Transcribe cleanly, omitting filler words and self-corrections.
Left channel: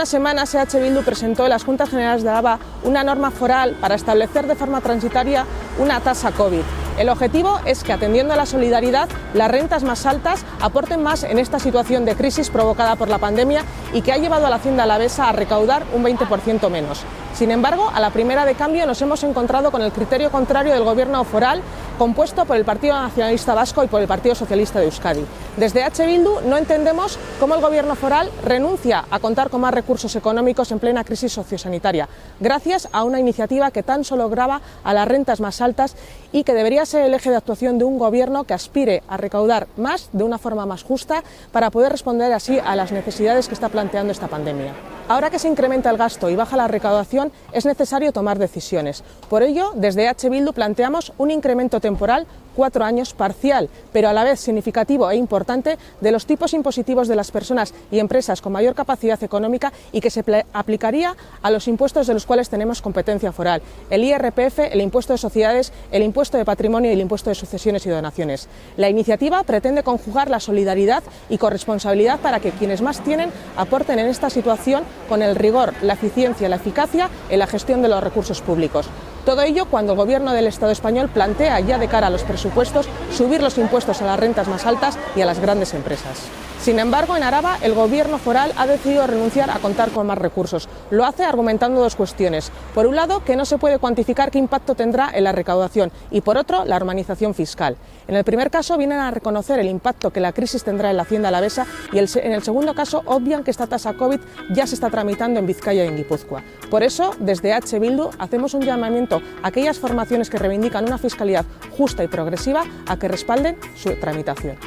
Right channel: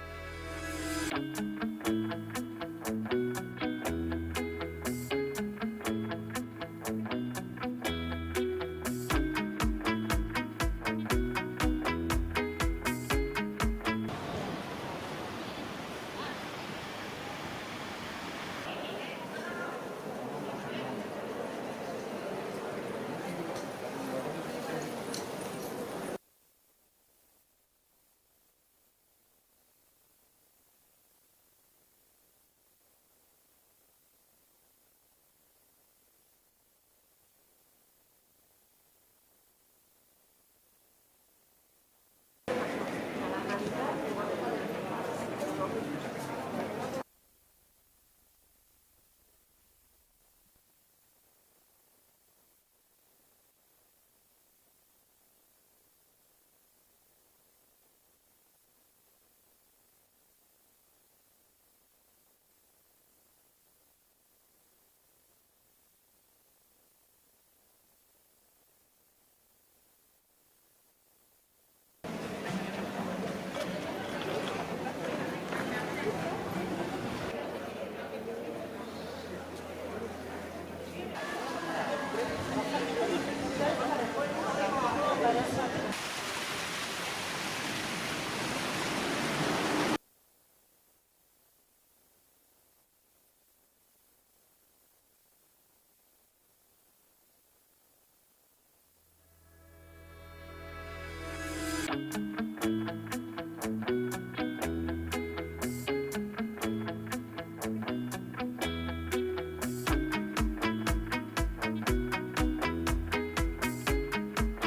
unas semanas EH Bildu presentó en las Juntas Generales de Álava una norma foral para establecer de forma transitoria una tasa COVID. El objetivo es que, atendiendo a la solidaridad, las rentas más altas aporten más en esta situación de crisis provocada por la pandemia y que ha llevado a la Hacienda alavesa a recaudar un 20% menos. Sin embargo, a la primera de cambio nos hemos encontrado con el criterio contrario del Gobierno foral, compuesto por el Partido Nacionalista Vasco y por el Partido Socialista de Euskadi. Desde EH Bildu no entendemos cómo el Gobierno foral renuncia a contar con más recursos económicos en plena crisis sociosanitaria, gracias a una iniciativa que tan solo grava a las rentas más altas y que debería ser el eje de actuación de un Gobierno que aspire a recaudar más de una forma más justa para poder responder así a las necesidades que está planteando esta pandemia. Ahora que se incrementa el gasto y baja la recaudación, es necesario tomar decisiones. Por ello, desde EH Bildu planteamos un incremento temporal, 4 años, parcial, pero a la vez significativo e importante, de los tipos impositivos de las personas y empresas con mayor capacidad económica y que se aplicaría a los impuestos de los cuales tenemos competencia foral: el IRPF, el impuesto de sociedades, el impuesto de patrimonio y el impuesto de sucesiones y donaciones. La iniciativa pretende conjugar la solidaridad y corresponsabilidad para que quienes más tienen aporten en esta situación con el rigor, la eficiencia y la eficacia en la gestión de los recursos públicos. Todo ello cuando el Gobierno del Estado español plantea ya de cara a los presupuestos subir los impuestos a las rentas más altas y a las grandes empresas. Sin embargo, en Araba el Gobierno foral ha decidido renunciar a contar con más recursos. Lo hace argumentando dos cuestiones. Por un lado, que no se puede cuantificar qué impacto tendrá en la recaudación y, por otro, la armonización fiscal. En el primer caso vienen a reconocer el impacto que la crisis tendrá en la Hacienda alavesa y en el segundo caso obvian que esta tasa COVID ya se está tramitando en Vizcaya y en Guipúzcoa. Por eso, desde EH Bildu hacemos un llamamiento a aquellas formaciones que reivindican una fiscalidad justa y progresiva a que respalden su tramitación.